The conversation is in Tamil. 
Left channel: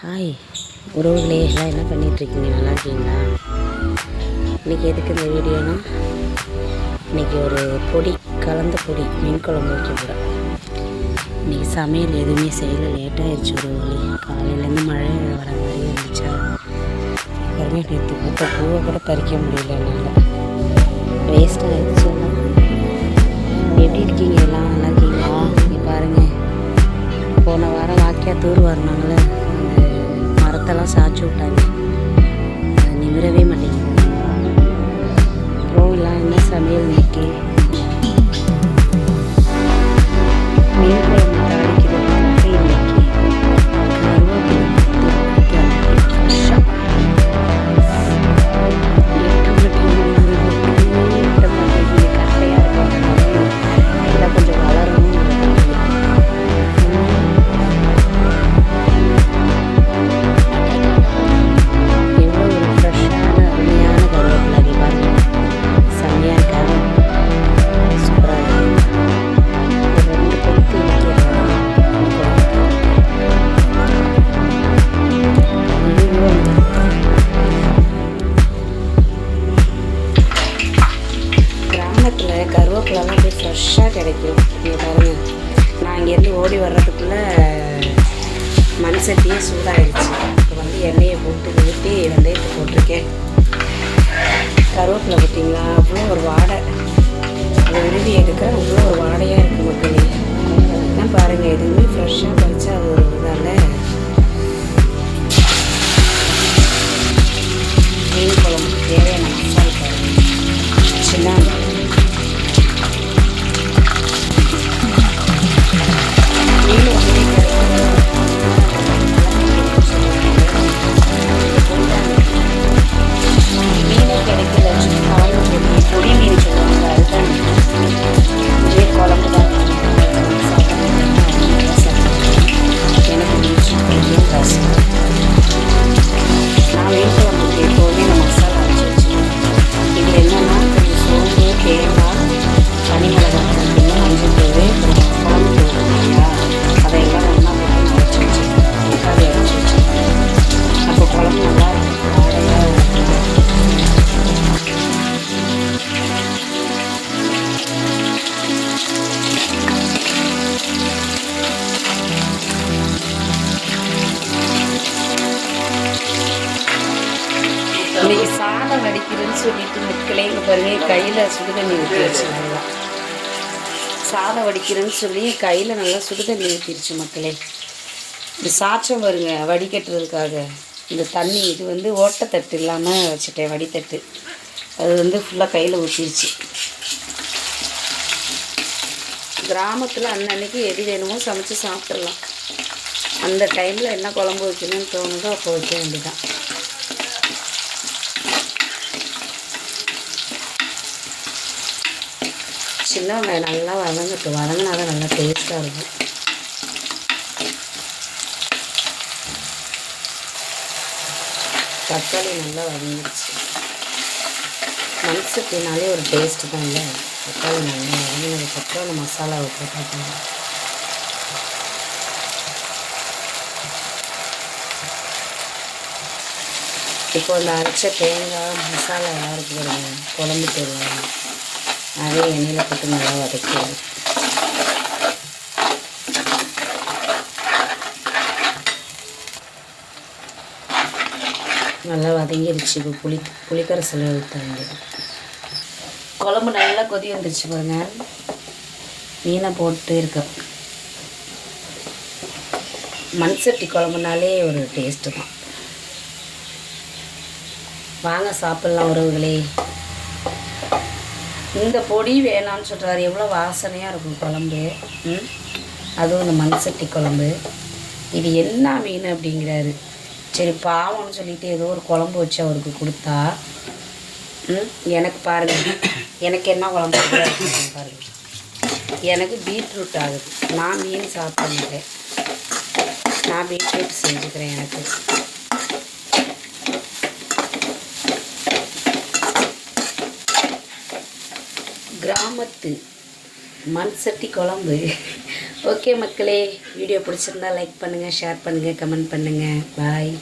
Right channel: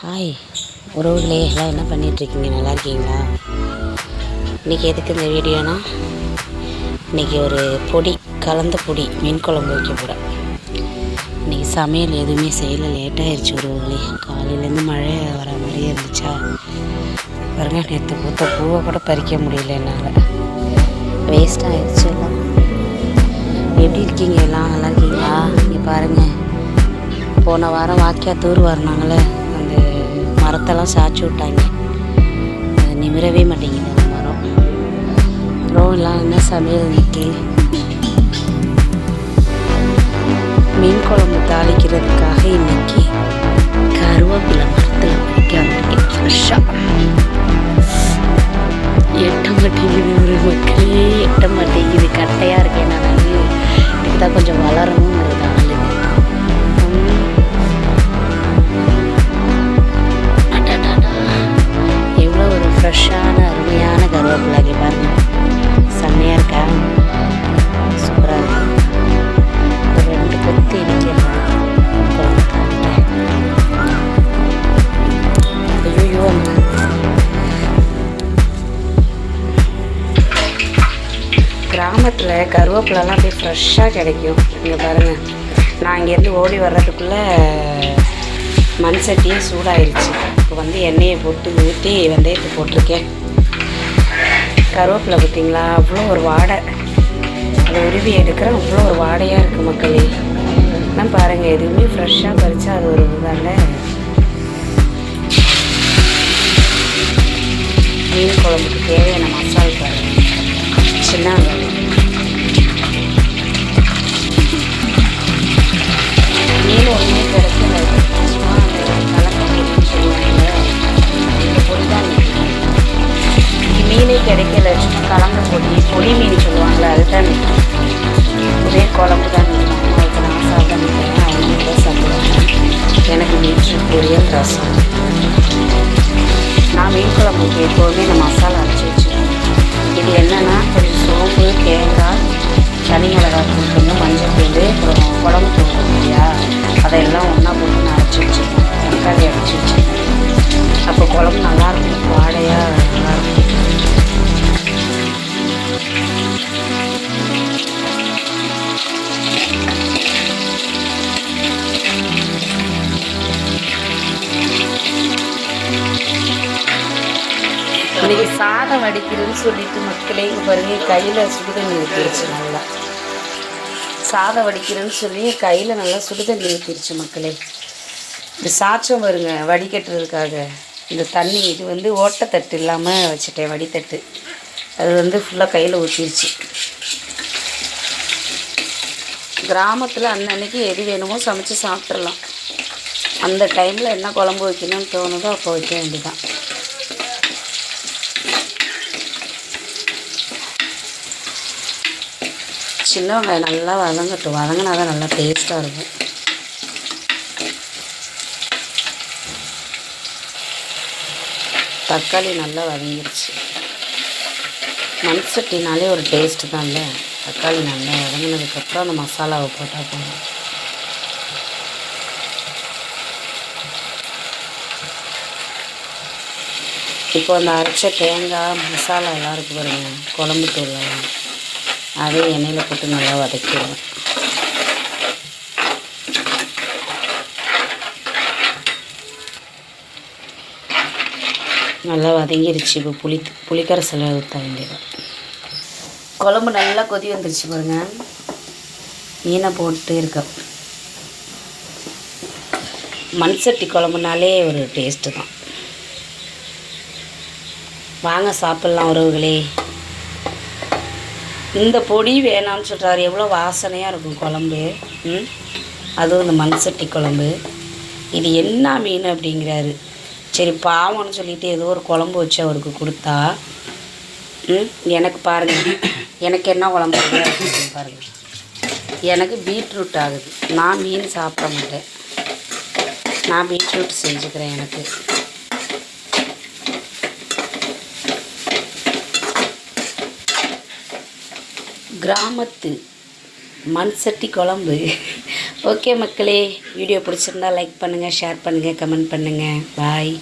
ஹாய் உறவுகளே எல்லாம் என்ன பண்ணிகிட்ருக்கீங்க நல்லா இருக்கீங்களா? இன்றைக்கி எதுக்கு இந்த வீடியோனா? இன்றைக்கி ஒரு பொடி கலந்த பொடி மீன் குழம்பு வைக்க போகிறேன் இன்றைக்கி சமையல் எதுவுமே செய்யலை. லேட்டாகிடுச்சு உறவுகளே. காலையிலேருந்து மழை வர மாதிரியே இருந்துச்சா? பாருங்க நேற்று பூத்த பூவை கூட பறிக்க முடியல என்னால். வேஸ்ட்டாக ஆகிடுச்சு எல்லாம். எப்படி இருக்கீங்க? எல்லாம் நல்லா இருக்கீங்களா? இங்கே பாருங்கள் போன வாரம் வாக்கியா தூர் வரனாங்களே மரத்தெல்லாம் சாய்ச்சி விட்டாங்க. நிமிரவே மாட்டேங்குது அந்த மரம். அப்புறம் எல்லாம் என்ன சமையல் இன்னைக்கு? மீன் குழம்பு தாளிக்கு கிராமத்தில் கருவேப்பிலலாம் அப்படியே ஃப்ரெஷ்ஷாக கிடைக்கும். இங்கே பாருங்கள் நான் இங்கேருந்து ஓடி வர்றதுக்குள்ளே மண் சட்டியே சூடாயிருச்சு. இப்போ வந்து எண்ணெயை போட்டு ஊற்றி வெந்தயத்தை போட்டிருக்கேன். கருவேப்பிலை பார்த்தீங்களா? அவ்வளோ ஒரு வாடை. அதை உருவி எடுக்கிறேன் அவ்வளோ ஒரு வாடையாக இருக்குது மக்களே. நான் பாருங்கள் எதுவுமே ஃப்ரெஷ்ஷாக பறிச்சா அது ஒரு இதாக கலந்து பொடி பொடி மீன் சொல்லுவாங்கள்ல அதுதான் ஒரே குழம்பு தான் நிற்கும் சாப்பிட அவங்க தான் சாப்பிடுவாங்க. எனக்கு பீட்ரூட் பொரியல் ரசம். நான் மீன் குழம்புக்கு எப்போதுமே இந்த மசாலா அரைச்சி வச்சுருவேன் இது என்னென்னா கொஞ்சம் சோம்பு தேங்காய் தனி மிளகாய் தூள் கொஞ்சம் மஞ்சள் தூள் அப்புறம் குழம்பு தூள் இருக்கு இல்லையா? அதையெல்லாம் ஒன்றா போட்டு நான் அரைச்சி வச்சுருவேன் தக்காளி அரைச்சி வச்சுருவேன் அப்போ குழம்பு நல்லா சாதம் வடிக்கிறதுன்னு சொல்லிட்டு மக்களே இங்கே பாருங்க கையில் சுடுதண்ணி ஊற்றிருச்சு நல்லா. சாதம் வடிக்கிறேன்னு சொல்லி கையில் நல்லா சுடுதண்ணி ஊற்றிருச்சு மக்களே. இந்த சாற்றம் வருங்க வடிகட்டுறதுக்காக. இந்த தண்ணி இது வந்து ஓட்டத்தட்டு இல்லாமல் வச்சுட்டேன் வடித்தட்டு. அது வந்து ஃபுல்லாக கையில் ஊற்றிருச்சு கிராமத்தில் அன்னன்னைக்கு எது வேணுமோ சமைச்சு சாப்பிட்றலாம் அந்த டைமில் என்ன குழம்பு வைக்கணும்னு தோணுதோ அப்போ வைக்க வேண்டியதான் சின்ன வெங்காயம் நல்லா வதங்கட்டும். வதங்கினா தான் நல்லா டேஸ்ட்டாக இருக்கும். தக்காளி நல்லா வதங்கிடுச்சு மண் சட்டினாலே ஒரு டேஸ்ட்டு தான்ல தக்காளி நல்லா வதங்கினதுக்கப்புறம் அந்த மசாலாவை போட்டால் போதும். இப்போ அந்த அரைச்ச தேங்காய் மசாலா எல்லாம் இருக்கு பாருங்க. குழம்பு தூள் அதே எண்ணெயில் போட்டு நல்லா வதக்கிடுவோம் நல்லா வதங்கிருச்சு. இப்போ புளி புளிக்கரைசலை ஊற்றாங்க குழம்பு நல்லா கொதி வந்துருச்சு பாருங்க. மீனை போட்டு இருக்கேன் மண் சட்டி குழம்புனாலே ஒரு டேஸ்ட்டு தான். வாங்க சாப்பிட்லாம் உறவுகளே. இந்த பொடி வேணாம்னு சொல்கிறாரு எவ்வளோ வாசனையாக இருக்கும் குழம்பு. ம்? அதுவும் இந்த மண் சட்டி குழம்பு. இது என்ன மீன் அப்படிங்கிறாரு. சரி பாவம்னு சொல்லிட்டு ஏதோ ஒரு குழம்பு வச்சு அவருக்கு கொடுத்தா ம்? எனக்கு பாருங்கள் எனக்கு என்ன குழம்பு பாருங்கள் எனக்கு பீட்ரூட் ஆகுது. நான் மீன் சாப்பிட மாட்டேன். நான் பீட்ரூட் செஞ்சுக்கிறேன் எனக்கு. கிராமத்து மண் சட்டி குழம்பு. ஓகே மக்களே வீடியோ பிடிச்சிருந்தா லைக் பண்ணுங்கள் ஷேர் பண்ணுங்கள் கமெண்ட் பண்ணுங்கள் பாய்